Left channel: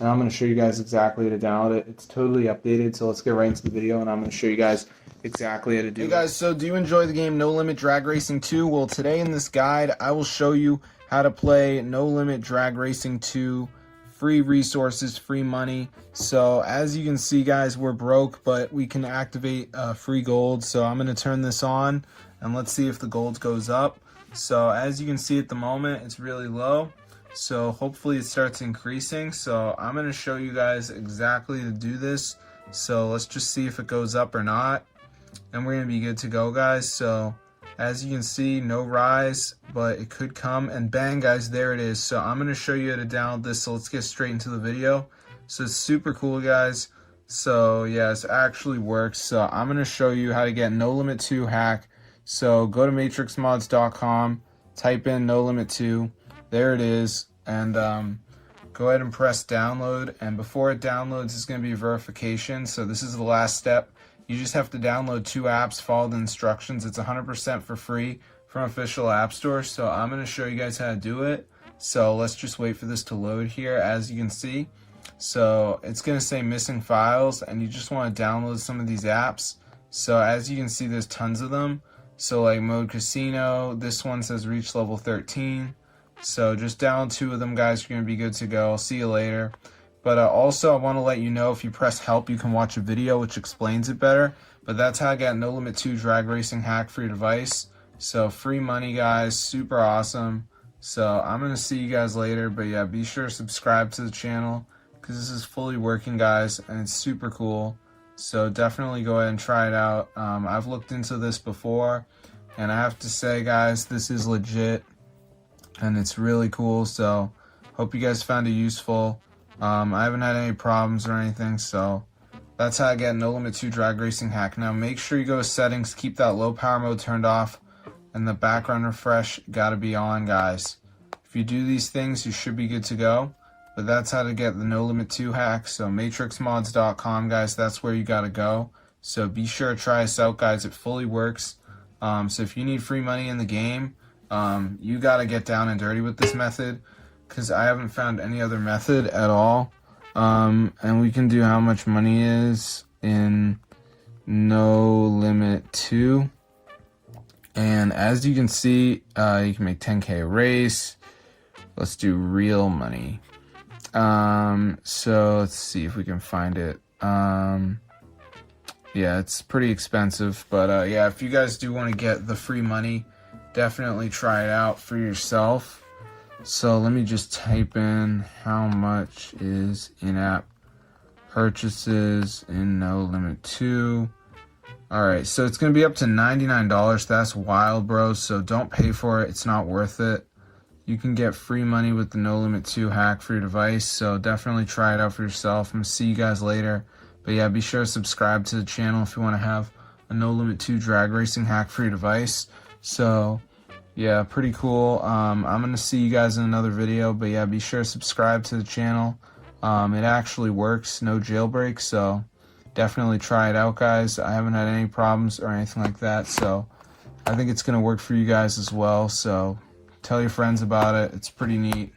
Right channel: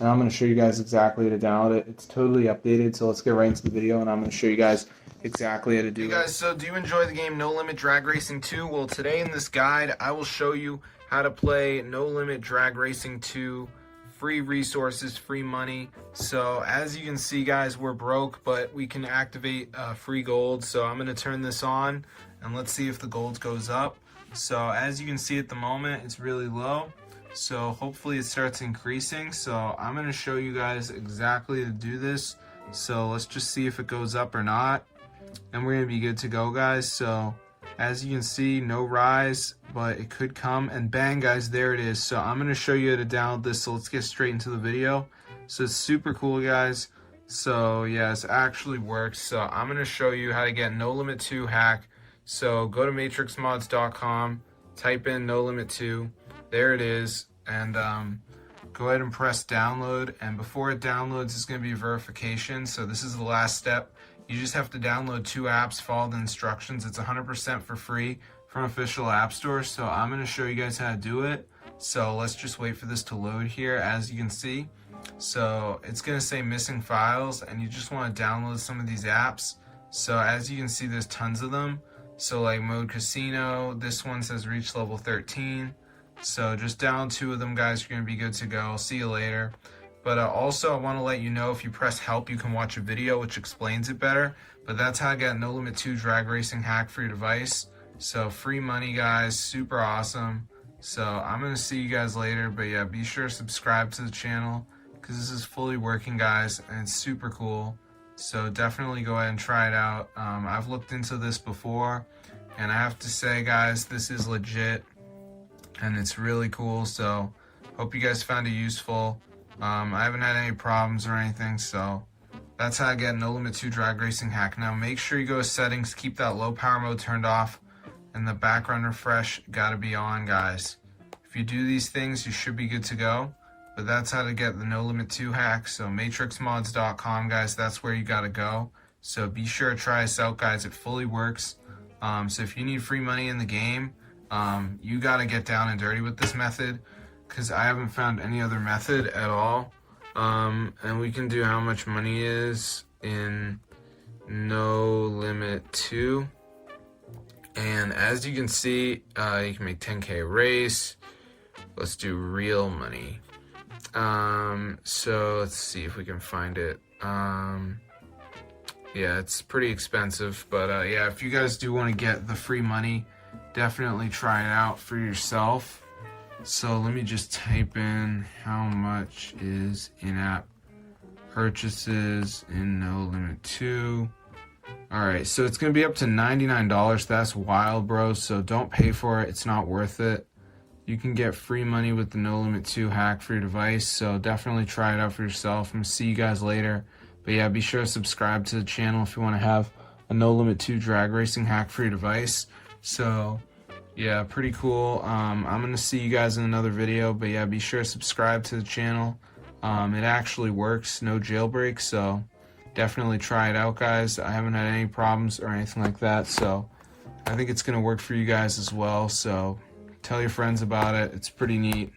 and I'm going to show you guys exactly how to download it. It's totally updated, so let's get right into the video, and I'm going to show you guys exactly how to do it. Hey guys, so do you enjoy the game No Limit Drag Racing 2? Well, today in this guide, I will show you how to play No Limit Drag Racing 2. Free resources, free money. So as you can see, guys, we're broke, but we can activate free gold. So I'm going to turn this on, and let's see if the gold goes up. So as you can see at the moment, it's really low. So hopefully it starts increasing. So I'm going to show you guys exactly to do this. So let's just see if it goes up or not, and we're going to be good to go, guys. So as you can see, no rise, but it could come, and bang, guys, there it is. So I'm going to show you how to download this, so let's get straight into the video. So it's super cool, guys. So yeah, it actually works. So I'm going to show you how to get No Limit 2 hack. So go to matrixmods.com, type in No Limit 2, there it is, and go ahead and press download, and before it downloads, it's going to be verification. So this is the last step. You just have to download 2 apps, follow the instructions. It's 100% for free from official app stores. So I'm going to show you guys how to do it. So let's just wait for this to load here, as you can see. So it's going to say missing files, and you just want to download some of these apps. So as you can see, there's tons of them. So like Mode Casino, this one says reach level 13. So just download 2 of them, guys. You're going to be good to go. See you later. But also, I want to let you know, if you press help, you can watch a video which explains it better. But that's how I got No Limit 2 drag racing hack for your device. So free money, guys, super awesome. So I'm going to see you guys later. But yeah, be sure to subscribe to the channel, because this is fully working, guys, and it's super cool. So definitely go ahead and try it out. I've looked into this before, and I have to say, guys, this is legit, and it's really cool. So hope you guys found it useful. I haven't had any problems or anything, so that's how I get No Limit 2 drag racing hack. Now make sure you go to settings, keep that low power mode turned off, and the background refresh gotta be on, guys. If you do these things, you should be good to go. But that's how to get the No Limit 2 hack. So matrixmods.com, guys, that's where you gotta go. So be sure to try us out, guys. It fully works. So if you need free money in the game, you gotta get down and dirty with this method, because I haven't found any other method at all. And we can do how much money is in No Limit 2. And as you can see, you can make 10K a race. Let's do real money. So let's see if we can find it. Yeah, it's pretty expensive, but yeah, if you guys do want to get the free money, definitely try it out for yourself. So let me just type in how much is in-app purchases in No Limit 2. Alright, so it's going to be up to $99. That's wild, bro. So don't pay for it. It's not worth it. You can get free money with the No Limit 2 hack for your device. So definitely try it out for yourself. I'm going to see you guys later. But yeah, be sure to subscribe to the channel if you want to have a No Limit 2 drag racing hack for your device. So yeah, pretty cool. I'm going to see you guys in another video, but yeah, be sure to subscribe to the channel. It actually works, no jailbreak, so definitely try it out, guys. I haven't had any problems or anything like that, so I think it's going to work for you guys as well. So tell your friends about it. It's pretty neat.